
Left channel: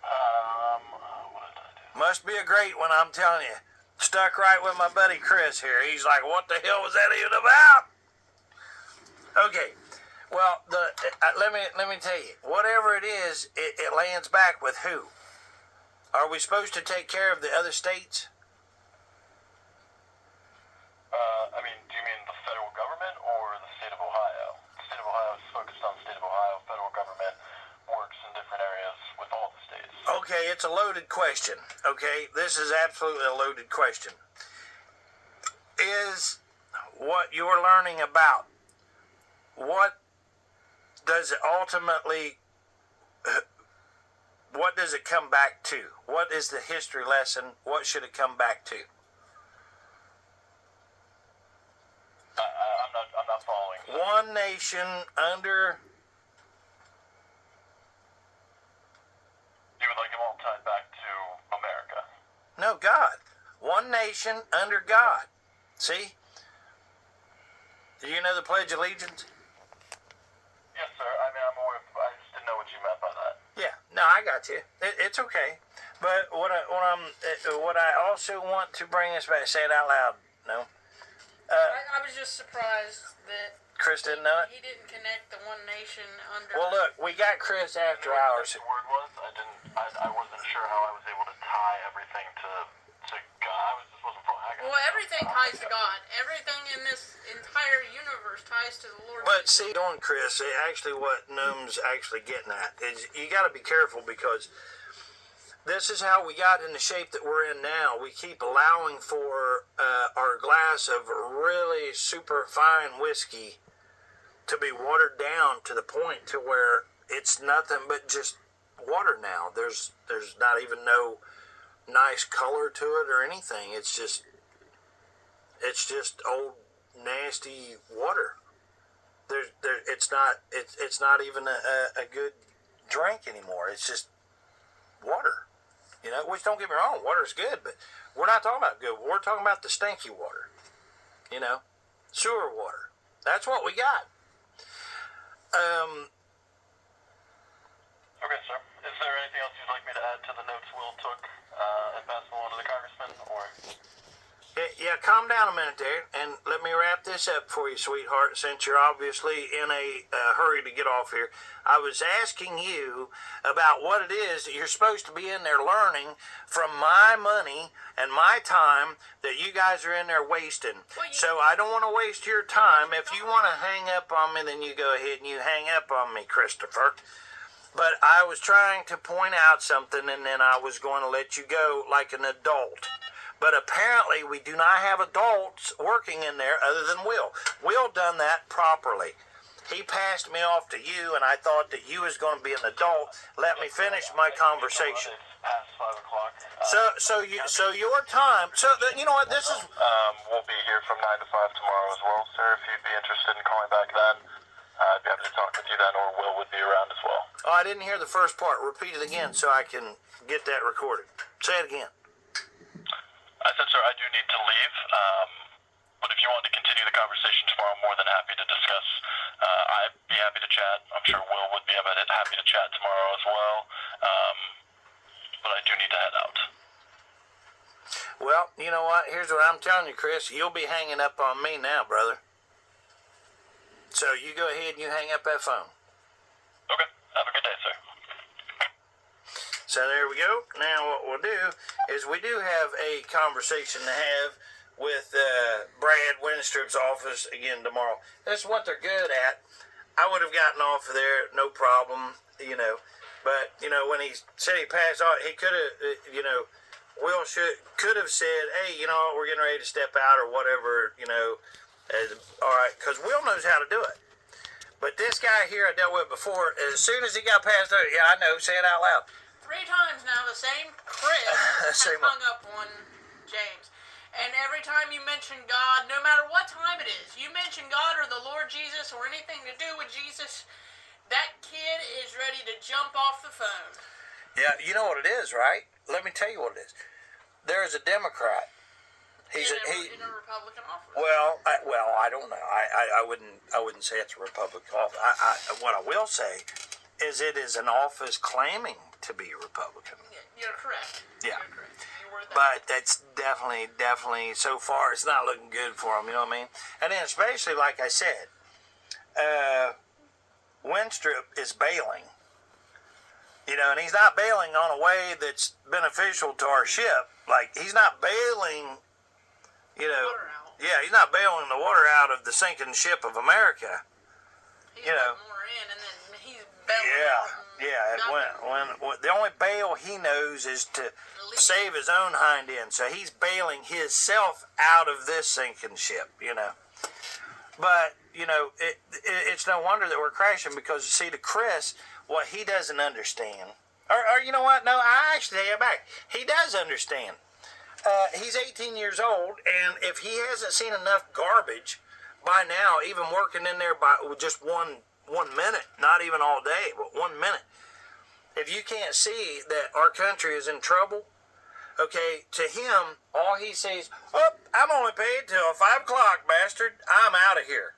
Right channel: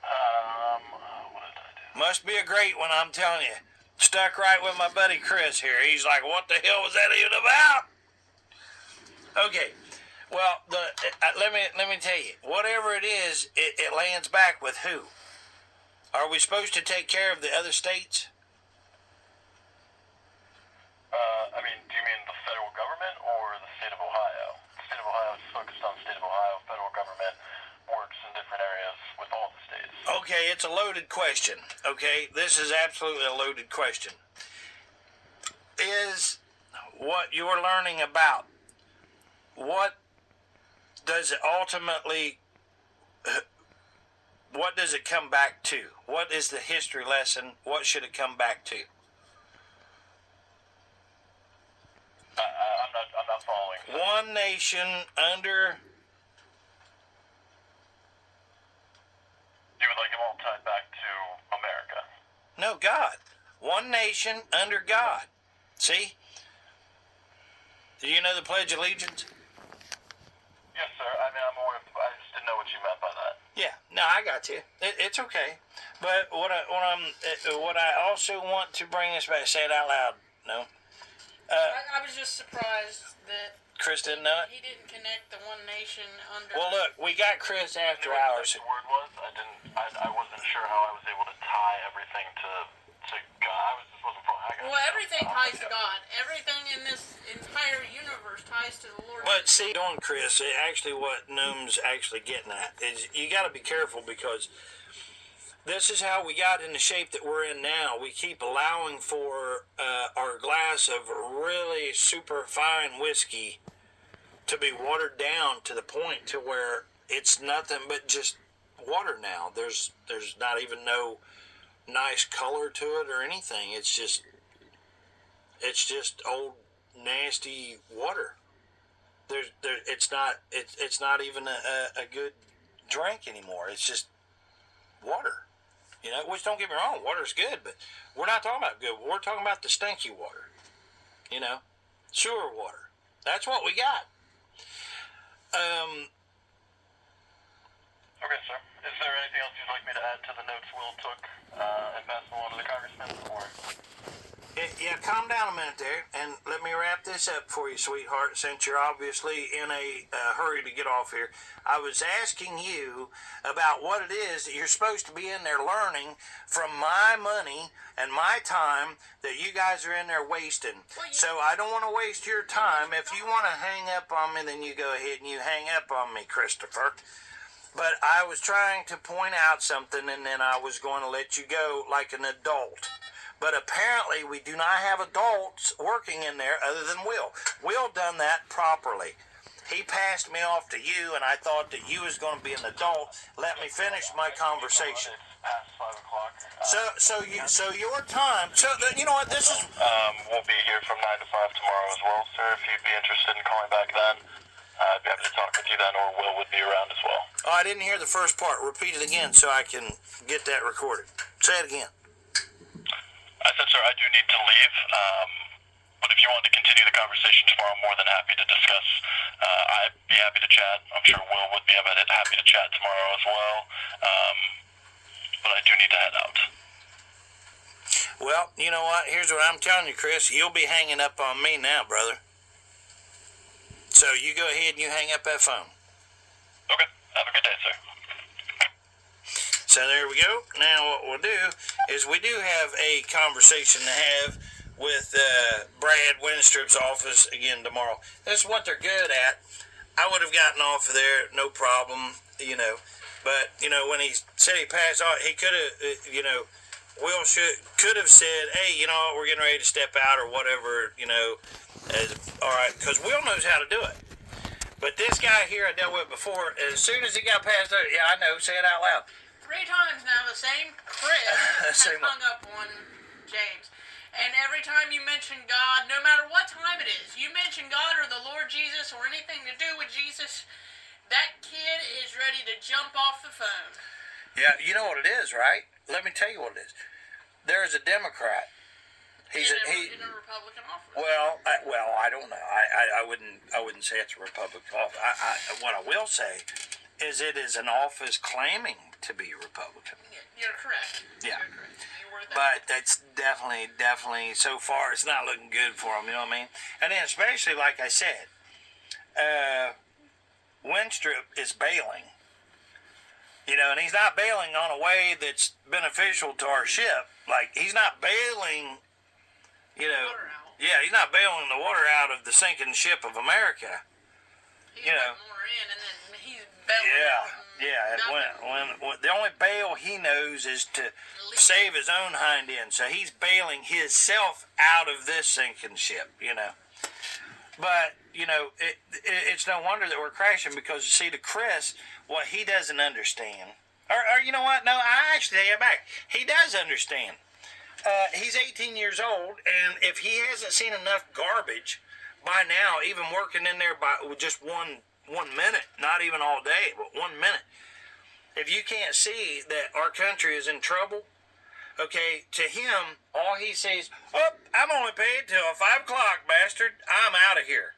What did I do? Must be a great one, I'm telling you. Stuck right with my buddy Chris here. He's like, what the hell was that even about? Okay, well, let me tell you. Whatever it is, it lands back with who? Are we supposed to take care of the other states? I mean, do you mean the federal government or the state of Ohio? The state of Ohio is focused on the state of Ohio. Federal government works in different areas with all the states. Okay, it's a loaded question. Okay, this is absolutely a loaded question. Is what you're learning about, what does it ultimately, what does it come back to? What is the history lesson? What should it come back to? I'm not following. One nation under... You would like them all tied back to America? No, God. One nation under God. See? Do you know the Pledge of Allegiance? Yes, sir. I mean, I'm aware of I just didn't know what you meant by that. Yeah. No, I got you. It's okay. But what I also want to bring us back, say it out loud. No. I was just surprised that Chris didn't know it? he didn't connect the one nation under. Well, look, we got Chris after What hours. the word was? I wasn't sure how I was able to tie everything to God. Just wasn't following. Well, everything ties to God. Everything in this entire universe ties to the Lord. But see, doing Chris, actually what Noom's actually getting at is you got to be careful, because this is how we got in the shape that we're in now. We keep allowing for our glass of really super fine whiskey to be watered down to the point to where it's nothing but just water now. There's not even no nice color to it or anything. It's just old nasty water. It's not even a good drink anymore. It's just water. You know, which don't get me wrong, water's good, but we're not talking about good. We're talking about the stinky water. You know, sewer water. That's what we got. Okay, sir. Is there anything else you'd like me to add to the notes Will took and pass them along to the congressman, or? Yeah, calm down a minute there, and let me wrap this up for you, sweetheart, since you're obviously in a hurry to get off here. I was asking you about what it is that you're supposed to be in there learning from my money and my time that you guys are in there wasting. So I don't want to waste your time. If you want to hang up on me, then you go ahead and you hang up on me, Christopher. But I was trying to point out something, and then I was going to let you go like an adult. But apparently we do not have adults working in there other than Will. Will done that properly. He passed me off to you, and I thought that you was going to be an adult. Let me finish my conversation. It's past 5 o'clock. So your time. You know what? This is. We'll be here from 9 to 5 tomorrow as well, sir. If you'd be interested in calling back then, I'd be happy to talk with you then, or Will would be around as well. Oh, I didn't hear the first part. Repeat it again so I can get that recorded. Say it again. I said, sir, I do need to leave, but if you want to continue the conversation tomorrow, I'm more than happy to discuss. I'd be happy to chat. I'm sure Will would be happy to chat tomorrow as well, but I do need to head out. Well, you know what? Here's what I'm telling you, Chris. You'll be hanging up on me now, brother. So you go ahead and you hang up that phone. Okay. Have a good day, sir. So there we go. Now what we'll do is we do have a conversation to have with Brad Wenstrup's office again tomorrow. That's what they're good at. I would have gotten off of there, no problem, you know. But, you know, when he said he passed on, he could have, you know, Will could have said, hey, you know what, we're getting ready to step out or whatever, you know. All right, because Will knows how to do it. But this guy here I dealt with before, as soon as he got past there, yeah, I know, say it out loud. 3 times now, the same Chris has hung up on James. And every time you mention God, no matter what time it is, you mention God or the Lord Jesus or anything to do with Jesus, that kid is ready to jump off the phone. Yeah, you know what it is, right? Let me tell you what it is. There is a Democrat. He's in a Republican office. Well, I don't know. I wouldn't say it's a Republican office. What I will say is it is an office claiming to be Republican. You're correct. Yeah. You're correct. You were that. But that's definitely, so far, it's not looking good for him, you know what I mean? And then especially, like I said, Wenstrup is bailing. You know, and he's not bailing on a way that's beneficial to our ship. Like, he's not bailing, you know. Yeah, he's not bailing the water out of the sinking ship of America. He's you know. more in, and then he's bailing. Yeah. When the only bail he knows is to save his own hind end. So he's bailing himself out of this sinking ship, you know. But, you know, it's no wonder that we're crashing because, you see, to Chris, what he doesn't understand, or you know what? No, I actually take it back. He does understand. He's 18 years old, and if he hasn't seen enough garbage by now, even working in there with just one minute, not even all day, but 1 minute, if you can't see that our country is in trouble, okay, to him, all he sees, oh, I'm only paid till 5 o'clock, bastard. I'm out of here.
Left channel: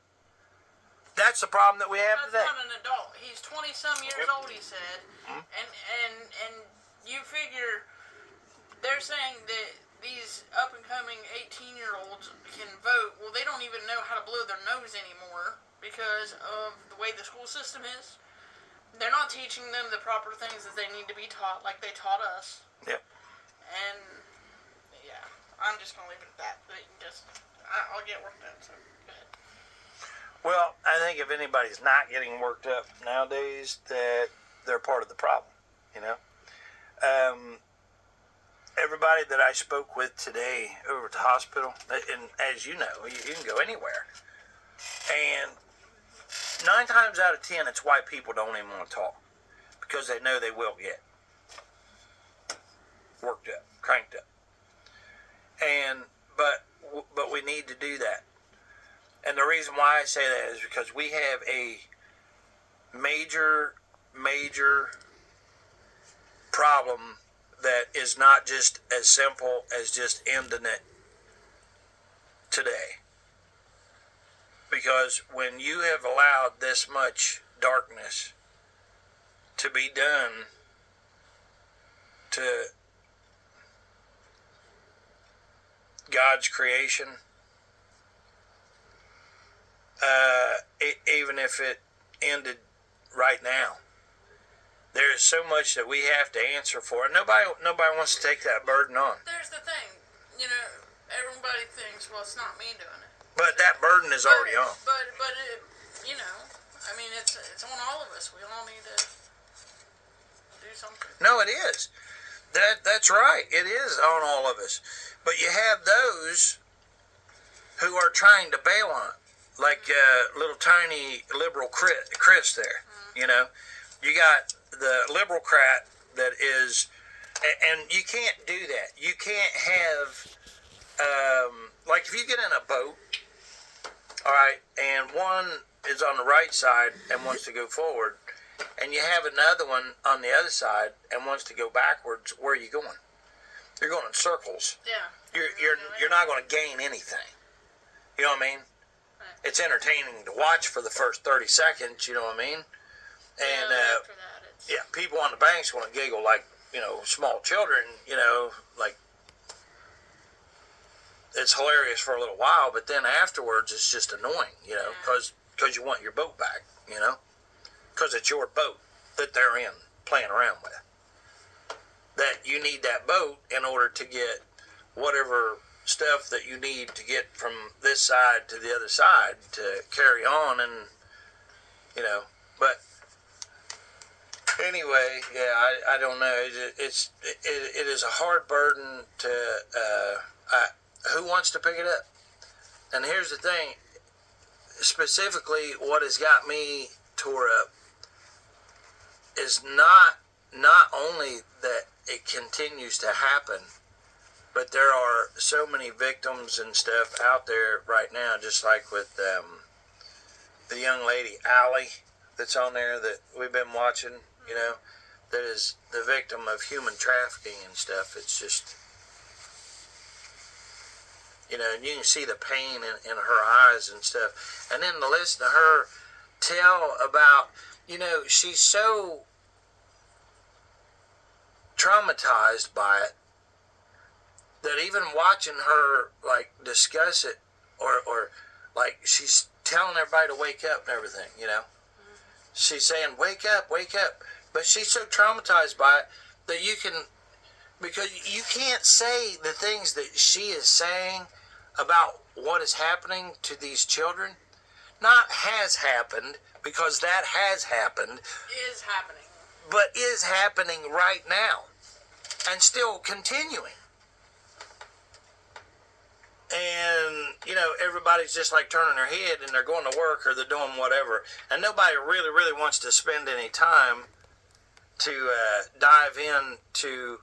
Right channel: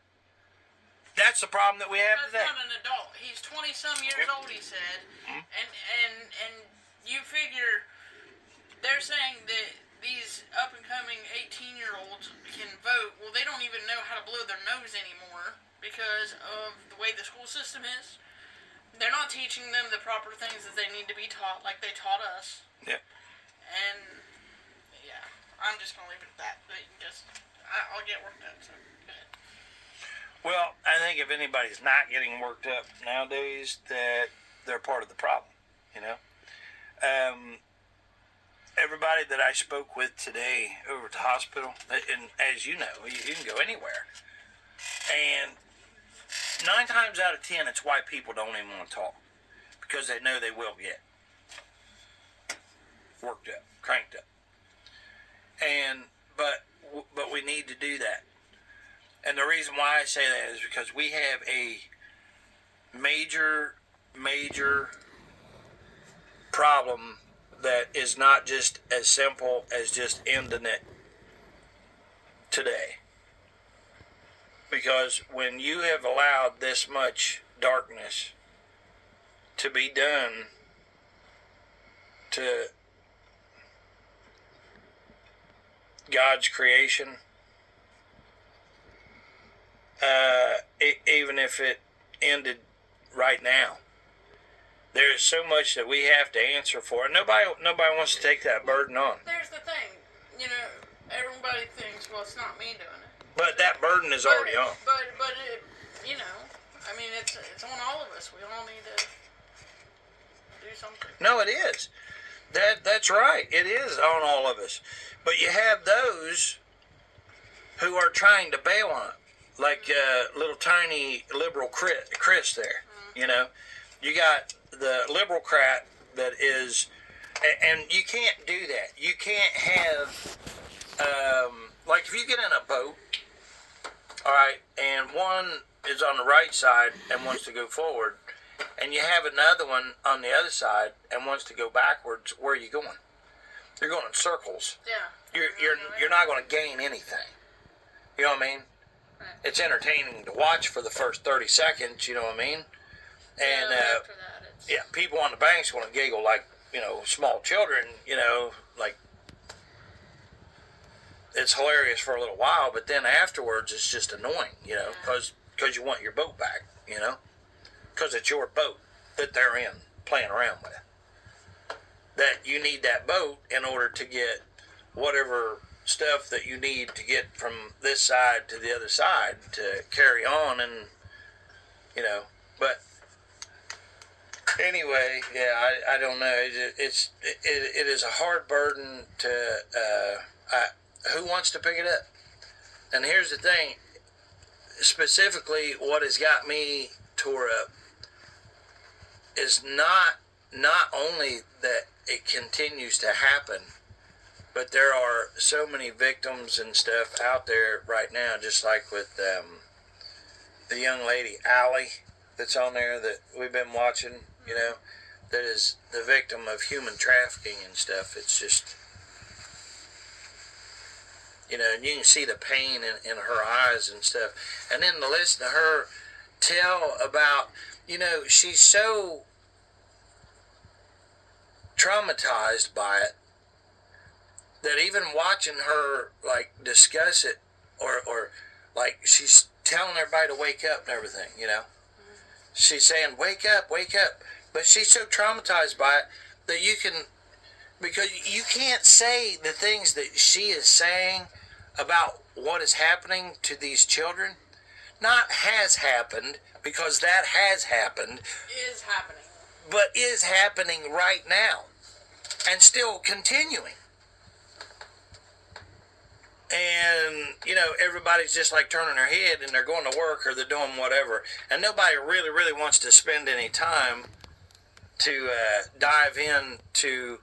That's the problem that we have today. That's not an adult. He's 20-some years old, he said. Mm-hmm. And you figure they're saying that these up-and-coming 18-year-olds can vote. Well, they don't even know how to blow their nose anymore because of the way the school system is. They're not teaching them the proper things that they need to be taught like they taught us. Yep. And, yeah, I'm just going to leave it at that. I'll get worked up, so go ahead. Well, I think if anybody's not getting worked up nowadays, that they're part of the problem, you know. Everybody that I spoke with today over at the hospital, and as you know, you can go anywhere, and 9 times out of 10, it's why people don't even want to talk, because they know they will get worked up, cranked up, but we need to do that. And the reason why I say that is because we have a major problem that is not just as simple as just ending it today. Because when you have allowed this much darkness to be done to God's creation, even if it ended right now, there is so much that we have to answer for, and nobody wants to take that burden on. There's the thing, everybody thinks, well, it's not me doing it. But that burden is already on. But it, it's on all of us. We all need to do something. No, it is. That's right. It is on all of us. But you have those who are trying to bail on it, like little tiny liberal Chris there. Mm-hmm. You got the liberal crat that is, and you can't do that. You can't have, like if you get in a boat, all right, and one is on the right side and wants to go forward, and you have another one on the other side and wants to go backwards, where are you going? You're going in circles. Yeah. You're not going to gain anything. You know what I mean? Right. It's entertaining to watch for the first 30 seconds, you know what I mean? And after that, it's... people on the bank's going to giggle like, small children, like it's hilarious for a little while, but then afterwards it's just annoying, because you want your boat back, because it's your boat that they're in playing around with. That you need that boat in order to get whatever stuff that you need to get from this side to the other side to carry on, and but anyway, I don't know. It is a hard burden to. Who wants to pick it up? And here's the thing. Specifically, what has got me tore up is not only that it continues to happen, but there are so many victims and stuff out there right now, just like with the young lady, Allie, that's on there that we've been watching, that is the victim of human trafficking and stuff. It's just, and you can see the pain in her eyes and stuff. And then to listen to her tell about, she's so traumatized by it that even watching her like discuss it or like she's telling everybody to wake up and everything, she's saying wake up, but she's so traumatized by it that because you can't say the things that she is saying about what is happening to these children. Not has happened, because that has happened, is happening, but is happening right now and still continuing. And, everybody's just like turning their head and they're going to work or they're doing whatever. And nobody really, really wants to spend any time to dive into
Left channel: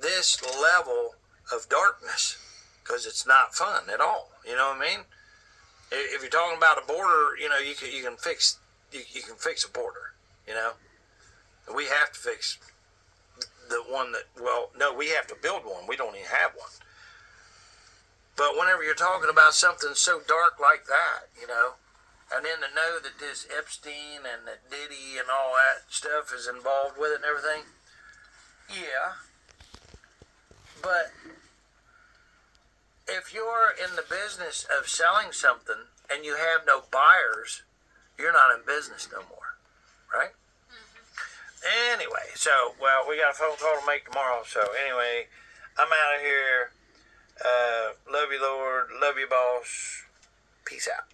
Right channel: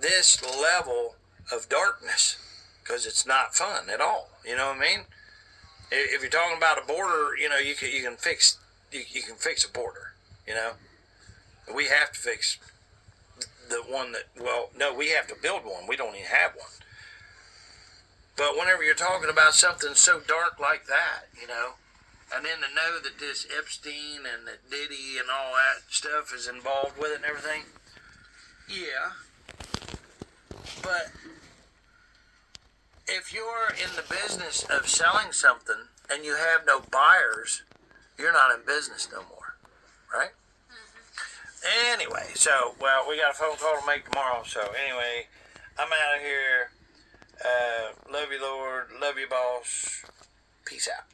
this level of darkness, because it's not fun at all. You know what I mean? If you're talking about a border, you can fix a border. We have to fix the one that, we have to build one. We don't even have one. But whenever you're talking about something so dark like that, and then to know that this Epstein and that Diddy and all that stuff is involved with it and everything, yeah. But if you're in the business of selling something and you have no buyers, you're not in business no more, right? Mm-hmm. Anyway, so, we got a phone call to make tomorrow. So anyway, I'm out of here. Love you, Lord. Love you, boss. Peace out.